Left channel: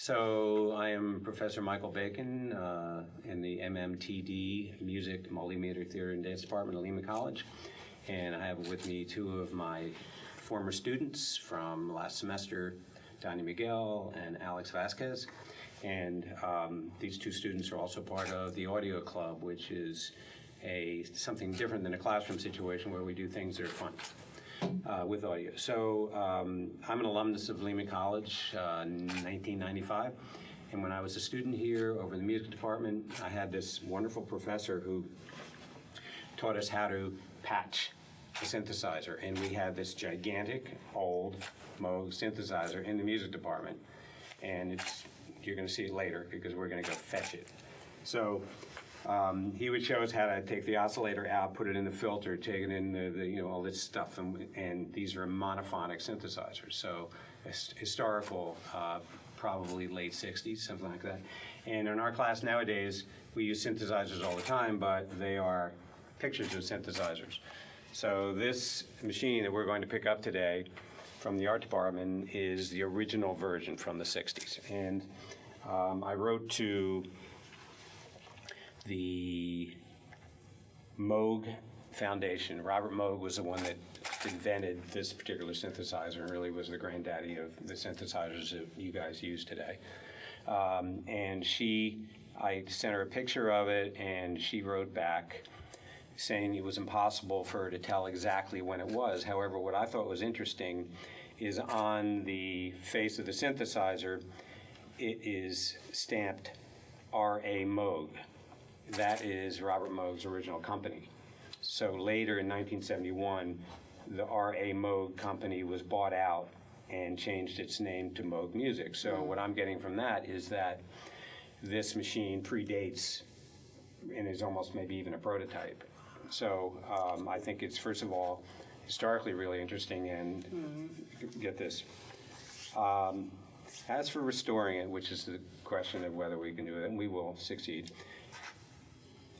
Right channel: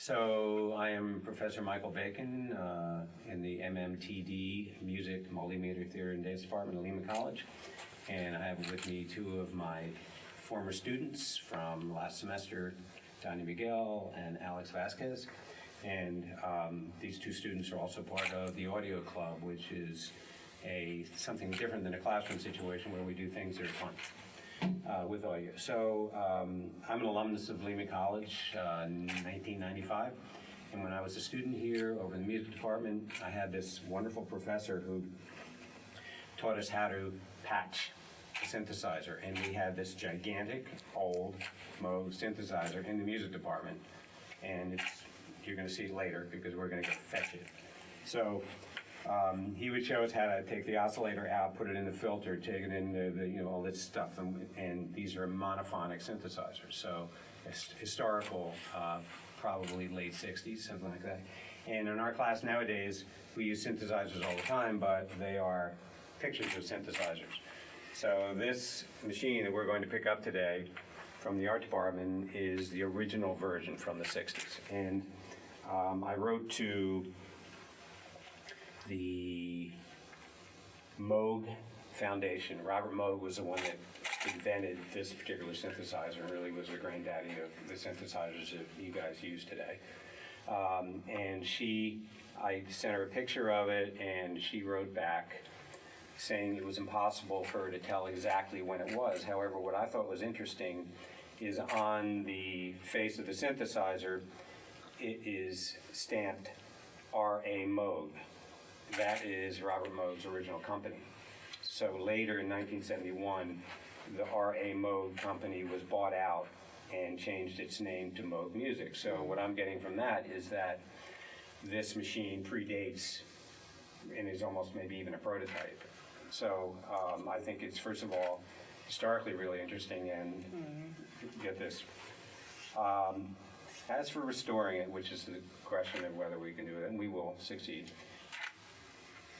So I am Professor Michael Bacon in the MMTD Music, Multimedia Theater and Dance Department at Lehman College. And I have with me two of my former students from last semester, Donnie Miguel and Alex Vasquez. And these two students are also part of the Audio Club, which is something different than a classroom situation where we do things that are fun. With audio. So I'm an alumnus of Lehman College in 1995, and when I was a student here over in the music department, I had this wonderful professor who taught us how to patch a synthesizer, and we had this gigantic old Moog synthesizer in the music department, and you're going to see it later because we're going to go fetch it. So he would show us how to take the oscillator out, put it in the filter, take it in all this stuff, and these are monophonic synthesizers, so historical, probably late 60s, something like that. And in our class nowadays, we use synthesizers all the time, but they are pictures of synthesizers. So this machine that we're going to pick up today from the art department is the original version from the 60s. And I wrote to the Moog Foundation. Robert Moog was the one that invented this particular synthesizer and really was the granddaddy of the synthesizers that you guys use today. And I sent her a picture of it, and she wrote back saying it was impossible for her to tell exactly when it was. However, what I thought was interesting is on the face of the synthesizer, it is stamped R.A. Moog. That is Robert Moog's original company. So later in 1971, the R.A. Moog company was bought out and changed its name to Moog Music. So what I'm getting from that is that this machine predates and is almost maybe even a prototype. So I think it's, first of all, historically really interesting, and get this. As for restoring it, which is the question of whether we can do it, and we will succeed,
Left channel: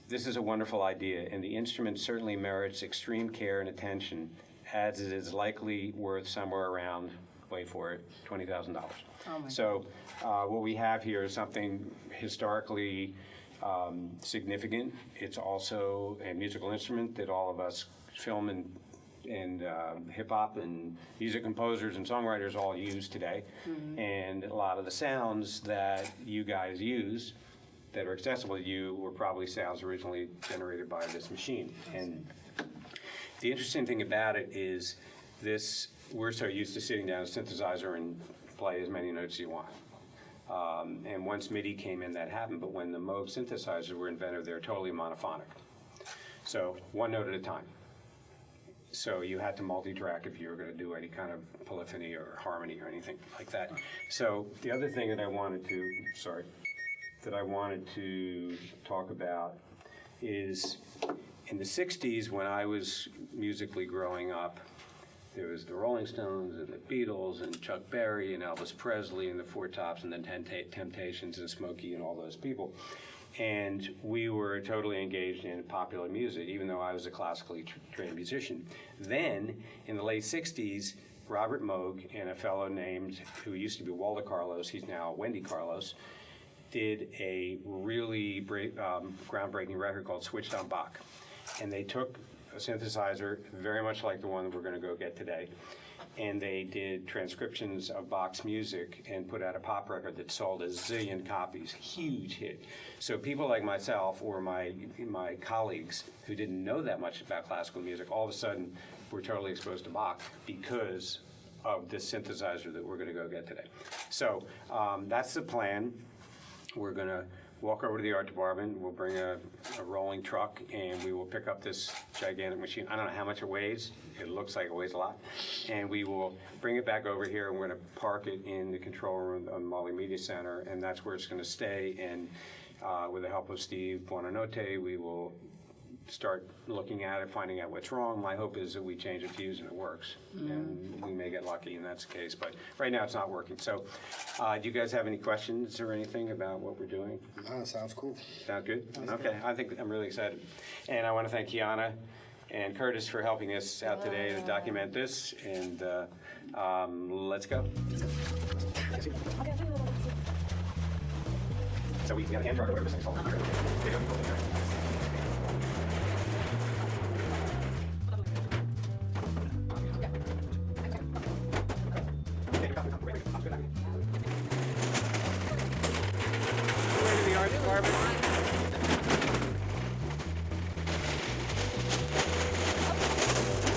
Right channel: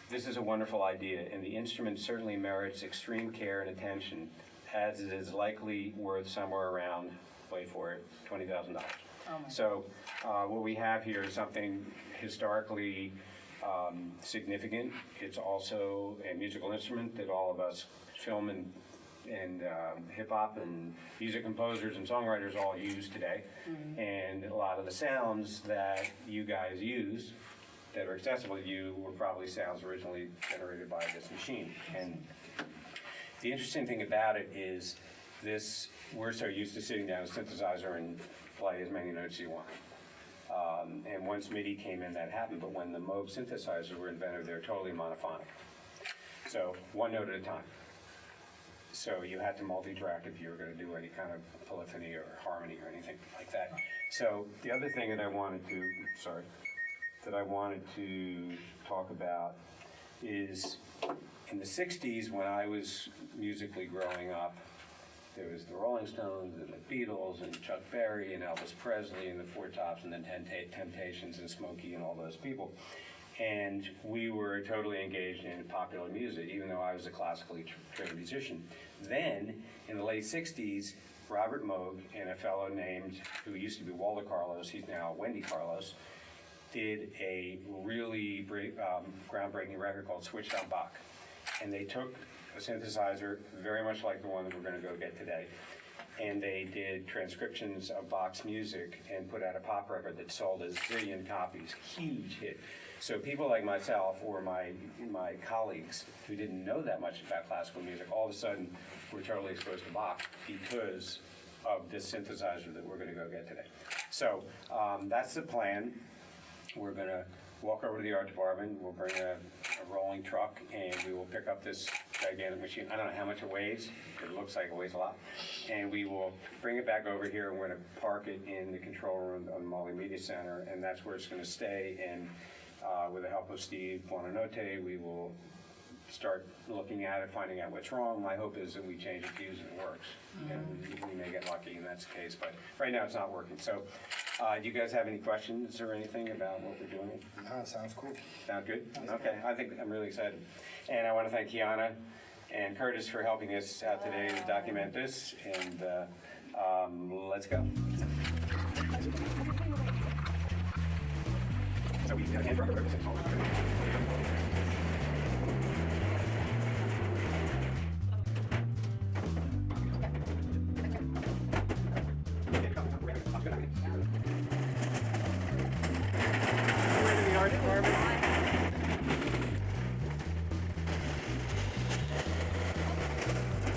this is a wonderful idea, and the instrument certainly merits extreme care and attention, as it is likely worth somewhere around, wait for it, $20,000. So what we have here is something historically significant. It's also a musical instrument that all of us film and hip-hop and music composers and songwriters all use today. And a lot of the sounds that you guys use that are accessible to you were probably sounds originally generated by this machine. And the interesting thing about it is we're so used to sitting down a synthesizer and play as many notes as you want. And once MIDI came in, that happened, but when the Moog synthesizers were invented, they were totally monophonic. So one note at a time. So you had to multi-track if you were going to do any kind of polyphony or harmony or anything like that. So the other thing that I wanted to talk about is in the 60s, when I was musically growing up, there was the Rolling Stones and the Beatles and Chuck Berry and Elvis Presley and the Four Tops and the Temptations and Smokey and all those people. And we were totally engaged in popular music, even though I was a classically trained musician. Then, in the late 60s, Robert Moog and a fellow who used to be Walter Carlos, he's now Wendy Carlos, did a really groundbreaking record called Switched on Bach. And they took a synthesizer very much like the one that we're going to go get today, and they did transcriptions of Bach's music and put out a pop record that sold a zillion copies, huge hit. So people like myself or my colleagues who didn't know that much about classical music, all of a sudden were totally exposed to Bach because of this synthesizer that we're going to go get today. So that's the plan. We're going to walk over to the art department. We'll bring a rolling truck, and we will pick up this gigantic machine. I don't know how much it weighs. It looks like it weighs a lot. And we will bring it back over here, and we're going to park it in the control room of the Multimedia Center, and that's where it's going to stay. And with the help of Steve Buonanotte, we will start looking at it, finding out what's wrong. My hope is that we change a fuse and it works. And we may get lucky, and that's the case. But right now it's not working. So do you guys have any questions or anything about what we're doing? No, sounds cool. Sound good? Okay, I think I'm really excited. And I want to thank Kiana and Curtis for helping us out today to document this. And let's go. So we have a hand truck over 6 volts. Art department.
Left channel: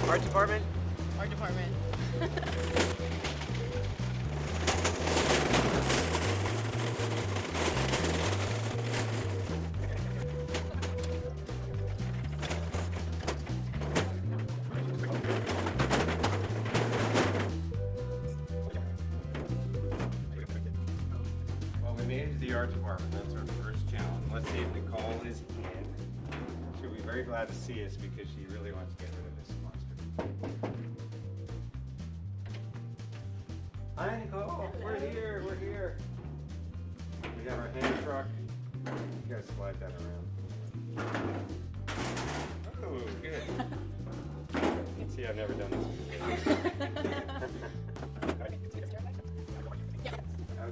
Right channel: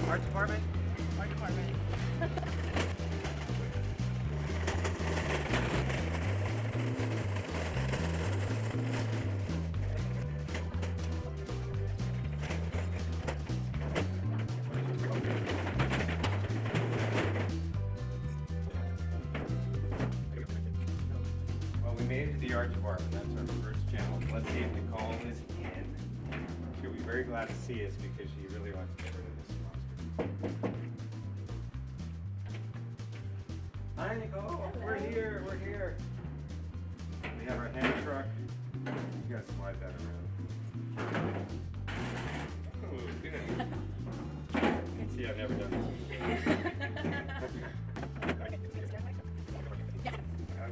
Art department. Art department. Well, we made it to the art department. That's our first challenge. Let's see if Nicole is in. She'll be very glad to see us because she really wants to get rid of this monster. Hi, Nicole. We're here. We're here. We have our hand truck. You gotta slide that around. Oh, good. See, I've never done this.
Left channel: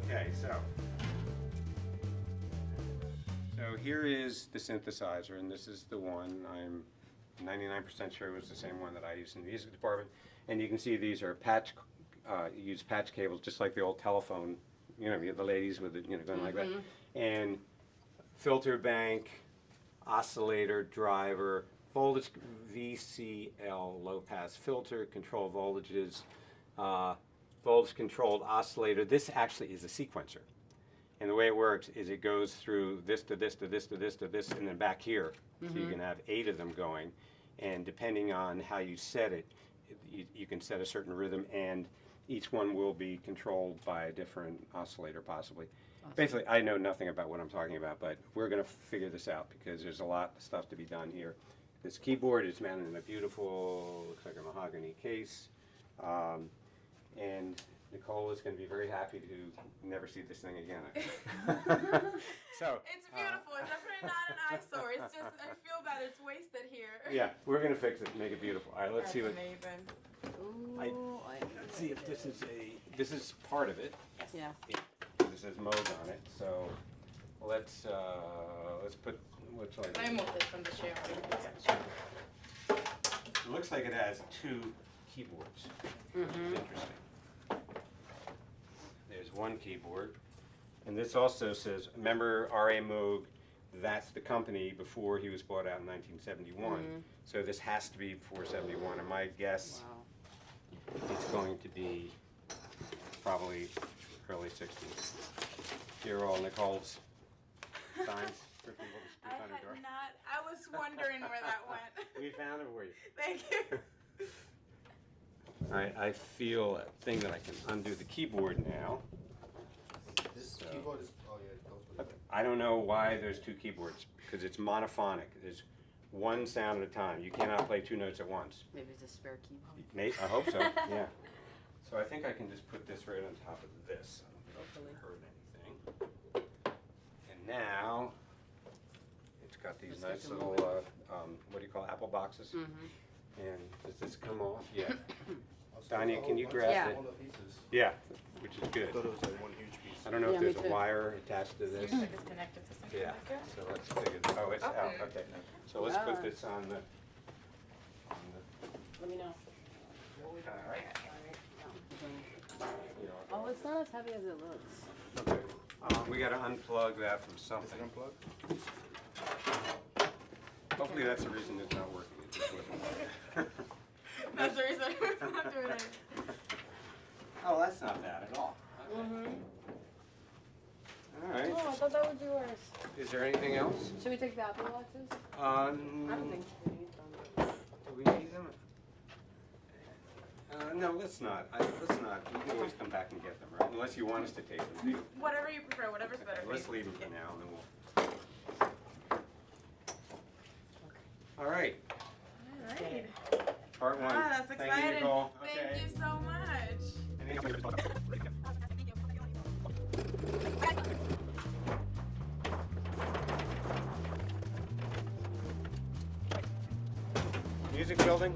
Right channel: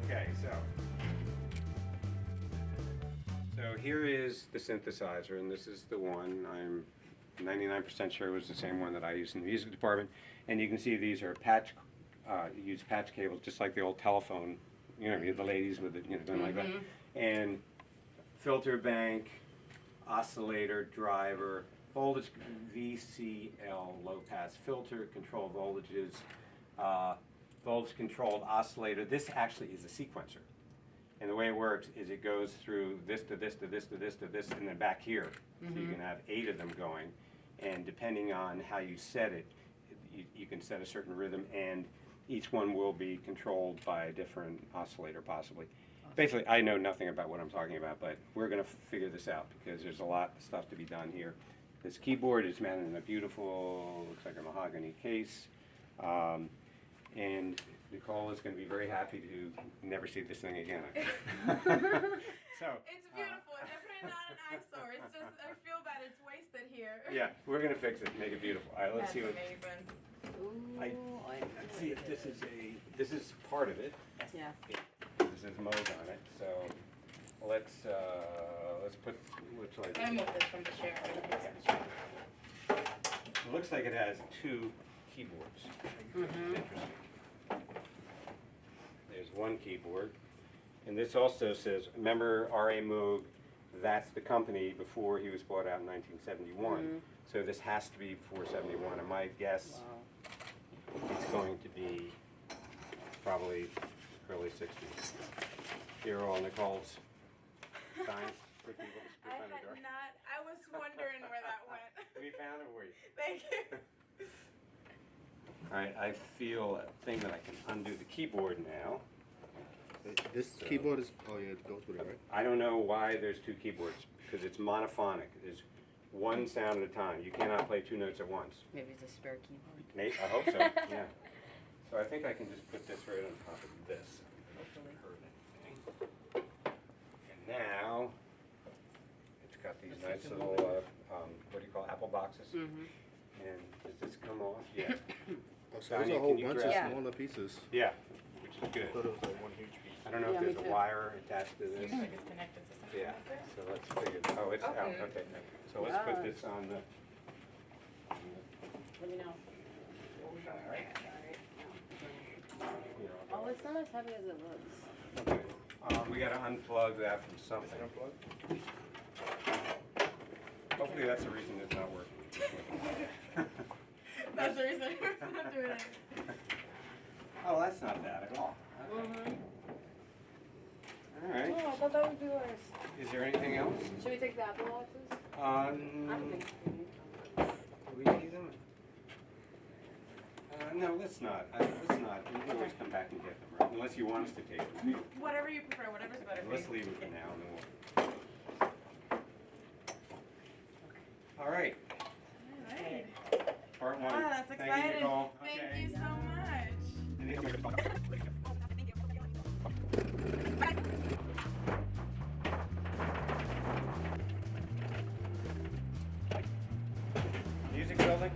Okay, so here is the synthesizer, and this is the one I'm 99% sure was the same one that I used in the music department. And you can see these are patch, you use patch cables just like the old telephone, you know, the ladies with the, going like that. And filter bank, oscillator, driver, voltage VCL, low pass filter, control voltages, voltage controlled oscillator. This actually is a sequencer. And the way it works is it goes through this to this to this to this to this and then back here. So you can have 8 of them going. And depending on how you set it, you can set a certain rhythm, and each one will be controlled by a different oscillator possibly. Basically, I know nothing about what I'm talking about, but we're going to figure this out because there's a lot of stuff to be done here. This keyboard is mounted in a beautiful, looks like a mahogany case. And Nicole is going to be very happy to never see this thing again. So It's beautiful. It's definitely not an eyesore. It's just, I feel bad. It's wasted here. yeah, we're going to fix it, make it beautiful. All right, let's see what. Amazing. Let's see if this is part of it. Yeah. This is Moog on it. So let's put what's like. Let me move this from the chair. It looks like it has 2 keyboards, which is interesting. There's one keyboard, and this also says, remember R.A. Moog, that's the company before he was bought out in 1971. So this has to be before 71, and my guess it's going to be probably early 60s. Here are all Nicole's signs for people to I speak on the had door. not, I was wondering where that went. We found it for you. Thank you. Right, I feel a thing that I can undo the keyboard now. This keyboard is, oh yeah, it goes with it, right? I don't know why there's 2 keyboards, because it's monophonic. There's one sound at a time. You cannot play 2 notes at once. Maybe it's a spare keyboard. Maybe, I hope so, yeah. So I think I can just put this right on top of this. Hopefully hurt anything. And now, it's got these nice little, what do you call it, apple boxes? And does this come off? Yeah. Oh, so there's Donnie, a whole can you bunch grab of it? smaller pieces. Yeah, which is good. I don't know if Yeah, there's me a too. wire attached to this. Seems like it's connected to something Yeah, like that. so let's figure, oh, it's out, Okay. okay. So let's put this on the, Let me know. all right. Oh, it's not as heavy as it looks. Okay. We gotta unplug that from something. Hopefully that's the reason it's not working. That's the reason it's not doing it. Oh, that's not bad at all. Okay. All right. Oh, I thought that would be worse. Is there anything else? Should we take the apple boxes? I I don't think. we need them. No, let's not. Let's not. We can always come back and get them, right? Unless you want us to take them. Whatever you prefer, whatever's better for Let's you. leave it for now, and then we'll. All right. Alright. Part 1. Ah, that's Thank you, exciting. Nicole. Thank you so much. Music building?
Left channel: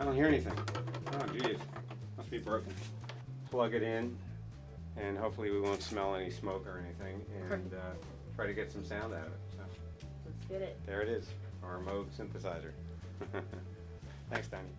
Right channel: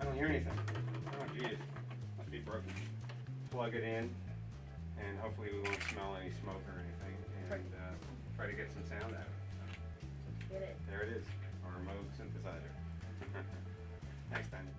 I don't hear anything. Oh, geez. Must be broken. Plug it in, and hopefully we won't smell any smoke or anything, and try to get some sound out of it. So, Get it. there it is, our Moog synthesizer. Thanks, Danny.